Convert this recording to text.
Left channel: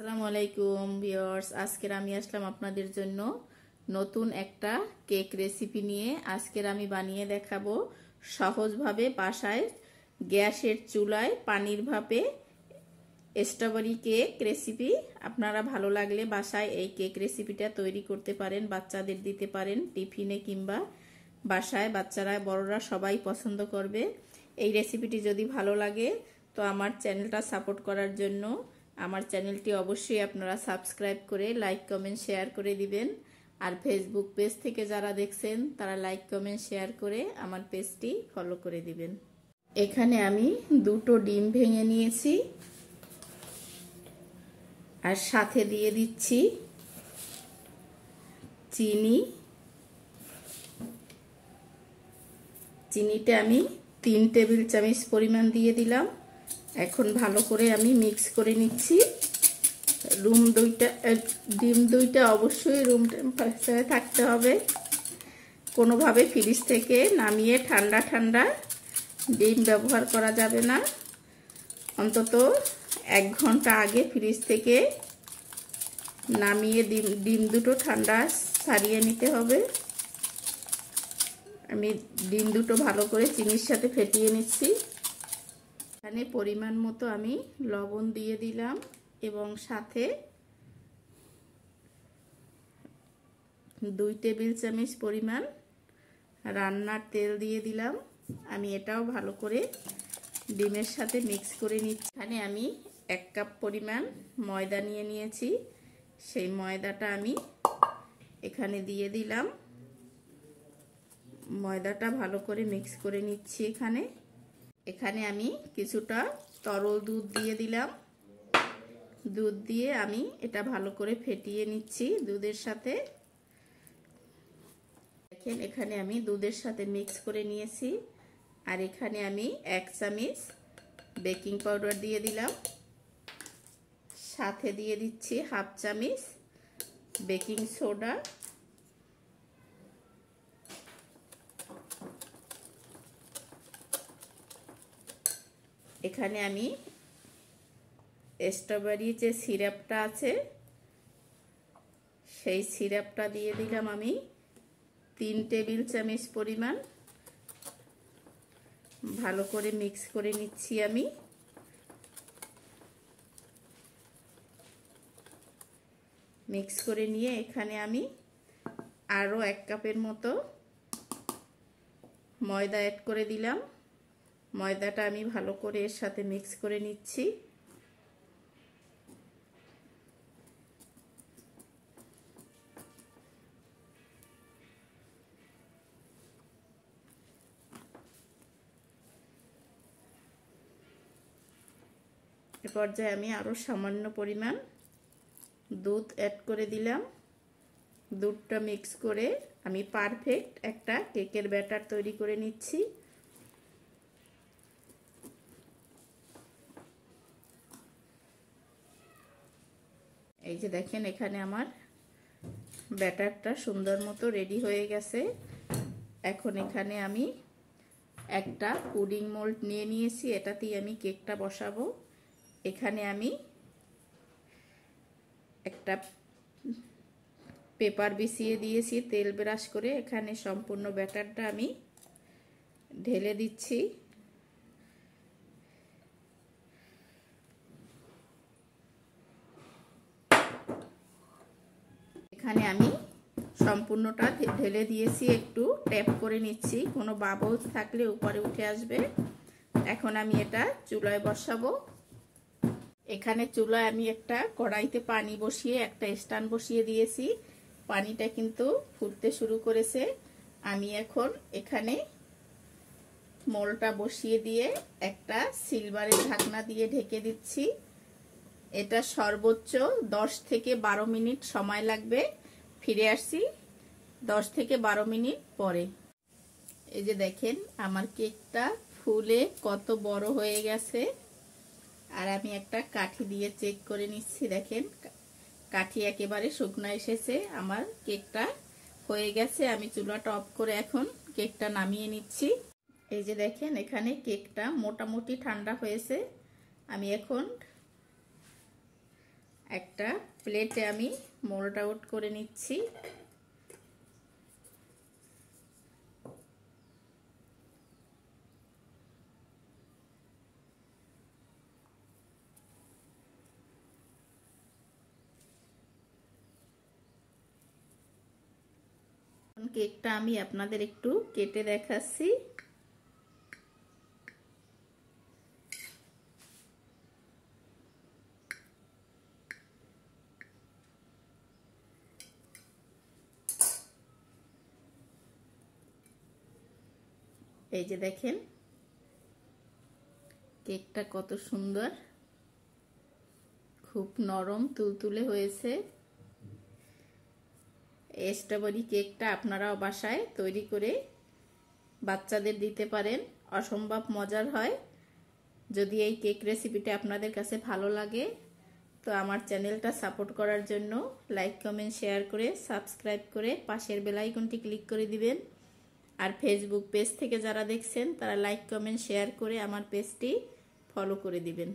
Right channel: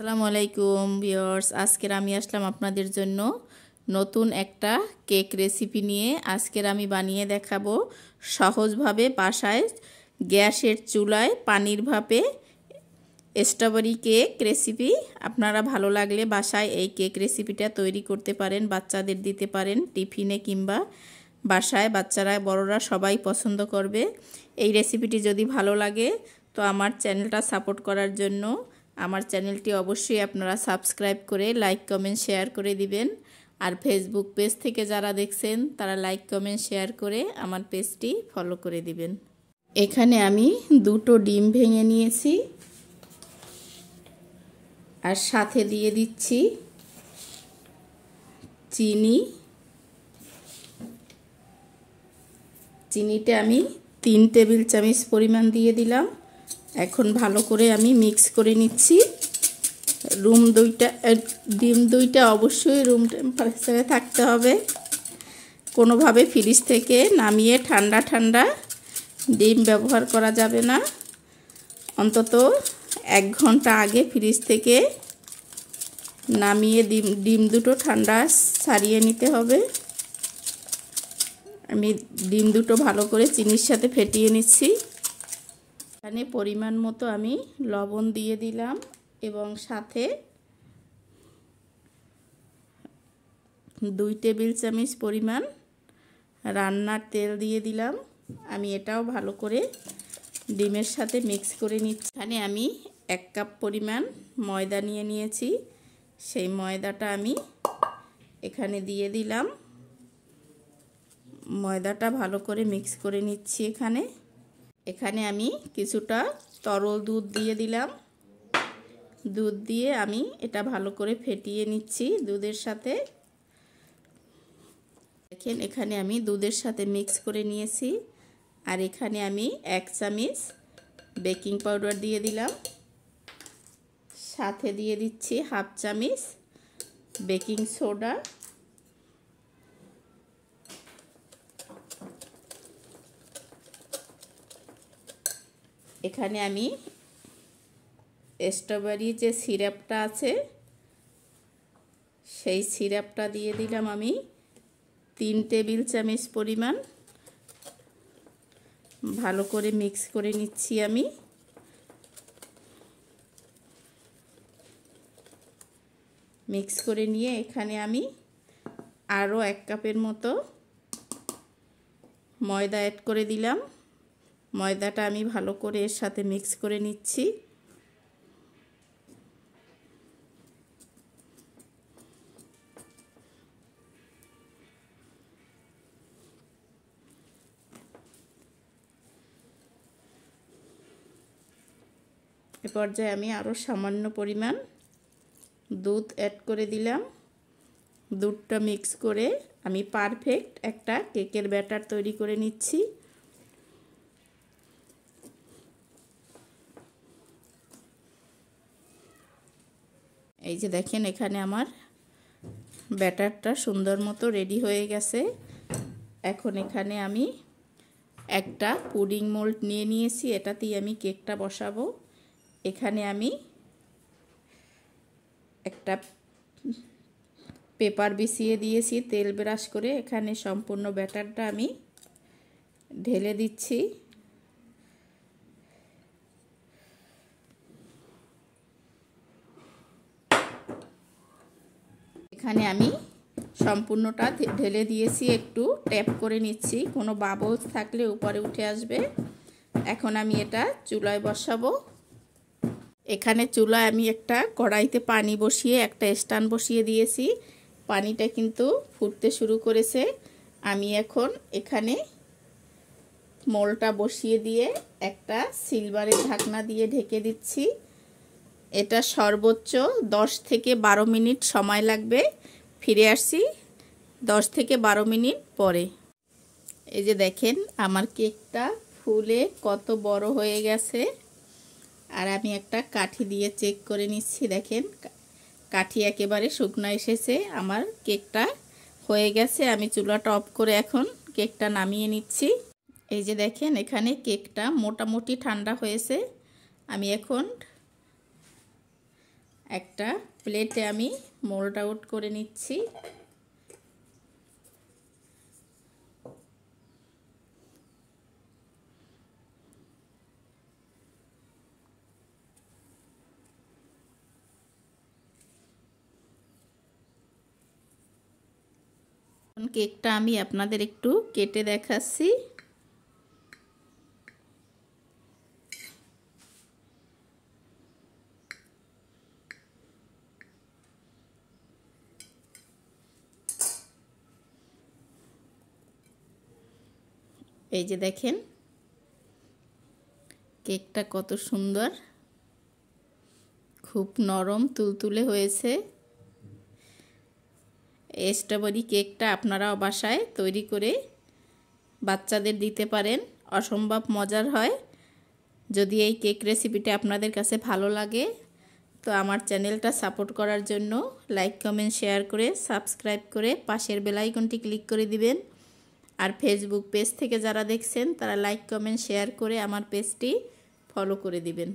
আসসালামু আলাইকুম ভিউয়ার্স, আজকের আমি আসলাম আপনাদের জন্য নতুন একটা কেক রেসিপি নিয়ে। আজকের আমি বানিয়ে দেখাবো সহজভাবে বাসায় গ্যাসের চুলায় পানির ভাপে স্ট্রবেরি কেক রেসিপি। আপনারা ভালো লাগলে বাসায় এই কেক রেসিপিটা তৈরি করতে পারেন, বাচ্চাদের দিতে পারেন টিফিনে, কিংবা বাসায় বাচ্চারা বড়রা সবাই পছন্দ করবে। এই রেসিপিটি যদি ভালো লাগে তো আমার চ্যানেলটা সাপোর্ট করার জন্য আমার চ্যানেলটি অবশ্যই আপনারা সাবস্ক্রাইব করে লাইক কমেন্ট শেয়ার করে দিবেন। আর ফেসবুক পেজ থেকে যারা দেখছেন তারা লাইক কমেন্ট শেয়ার করে আমার পেজটি ফলো করে দিবেন। এখানে আমি 2টো ডিম ভেঙে নিয়েছি আর সাথে দিয়ে দিচ্ছি চিনিটা আমি 3 টেবিল চামচ পরিমাণ দিয়ে দিলাম। এখন ভালো করে আমি মিক্স করে নিচ্ছি। ডিম দুইটা অবশ্যই রুম টেম্পারেচারে থাকতে হবে। কোনোভাবে ফ্রিজ থেকে নামিয়ে ঠান্ডা ডিম ব্যবহার করা যাবে না। অন্তত 1 ঘন্টা আগে ফ্রিজ থেকে নামিয়ে ডিম দুটো ঠান্ডা ছাড়িয়ে নিতে হবে। আমি ডিম দুটো ভালো করে চিনির সাথে ফেটিয়ে নিচ্ছি। এখানে পরিমাণ মতো আমি লবণ দিয়ে দিলাম এবং সাথে 2 টেবিল চামচ পরিমাণ রান্নার তেল দিয়ে দিলাম। আমি এটাও ভালো করে ডিমের সাথে মিক্স করে নিচ্ছি। এখানে আমি 1 কাপ পরিমাণ ময়দা নিয়ে নিয়েছি। সেই ময়দাটা আমি এখানে দিয়ে দিলাম। ময়দাটা ভালো করে মিক্স করে নিচ্ছি। এখানে আমি কিছুটা তরল দুধ দিয়ে দিলাম। দুধ দিয়ে আমি এটা ভালো করে ফেটিয়ে নিচ্ছি দুধের সাথে। দেখেন এখানে আমি দুধের সাথে মিক্স করে নিয়েছি। আর এখানে আমি 1 চামচ বেকিং পাউডার দিয়ে দিলাম। সাথে দিয়ে দিচ্ছি 1/2 চামচ বেকিং সোডা। এখানে আমি স্ট্রবেরি যে সিরাপটা আছে সেই সিরাপটা দিয়ে দিলাম আমি 3 টেবিল চামচ পরিমাণ। ভালো করে মিক্স করে নিচ্ছি আমি। মিক্স করে নিয়ে এখানে আমি আরও 1 কাপের মতো ময়দা অ্যাড করে দিলাম। ময়দাটা আমি ভালো করে এর সাথে মিক্স করে নিচ্ছি। এ পর্যায়ে আমি আরও সামান্য পরিমাণ দুধ অ্যাড করে দিলাম। দুধটা মিক্স করে আমি পারফেক্ট একটা কেকের ব্যাটার তৈরি করে নিচ্ছি। এই যে দেখেন এখানে আমার ব্যাটারটা সুন্দর মতো রেডি হয়ে গেছে। এখন এখানে আমি একটা পুডিং মোল্ড নিয়ে নিয়েছি, এটাতেই আমি কেকটা বসাবো। এখানে আমি একটা পেপার বিছিয়ে দিয়েছি তেল ব্রাশ করে। এখানে সম্পূর্ণ ব্যাটারটা আমি ঢেলে দিচ্ছি। এখানে আমি সম্পূর্ণটা ঢেলে দিয়েছি, একটু ট্যাপ করে নিচ্ছি, কোনো বাবলস থাকলে উপরে উঠে আসবে। এখন আমি এটা চুলায় বসাবো। এখানে চুলায় আমি একটা কড়াইতে পানি বসিয়ে একটা স্ট্যান্ড বসিয়ে দিয়েছি। পানিটা কিন্তু ফুটতে শুরু করেছে। আমি এখন এখানে মোলটা বসিয়ে দিয়ে একটা সিলভারের ঢাকনা দিয়ে ঢেকে দিচ্ছি। এটা সর্বোচ্চ 10 থেকে 12 মিনিট সময় লাগবে। ফিরে আসছি 10 থেকে 12 মিনিট পরে। এই যে দেখেন আমার কেকটা ফুলে কত বড় হয়ে গেছে। আর আমি একটা কাঠি দিয়ে চেক করে নিচ্ছি। দেখেন কাঠি একেবারে শুকনো এসেছে। আমার কেকটা হয়ে গেছে। আমি চুলাটা অফ করে এখন কেকটা নামিয়ে নিচ্ছি। এই যে দেখেন এখানে কেকটা মোটামুটি ঠান্ডা হয়েছে। আমি এখন একটা প্লেটে আমি মোল্ড আউট করে নিচ্ছি। কেকটা আমি আপনাদের একটু কেটে দেখাচ্ছি। এই যে দেখেন কেকটা কত সুন্দর, খুব নরম তুলতুলে হয়েছে। এই স্ট্রবেরি কেকটা আপনারাও বাসায় তৈরি করে বাচ্চাদের দিতে পারেন, অসম্ভব মজার হয়। যদি এই কেক রেসিপিটা আপনাদের কাছে ভালো লাগে তো আমার চ্যানেলটা সাপোর্ট করার জন্য লাইক কমেন্ট শেয়ার করে সাবস্ক্রাইব করে পাশের বেল আইকনটি ক্লিক করে দিবেন। আর ফেসবুক পেজ থেকে যারা দেখছেন তারা লাইক কমেন্ট শেয়ার করে আমার পেজটি ফলো করে দিবেন।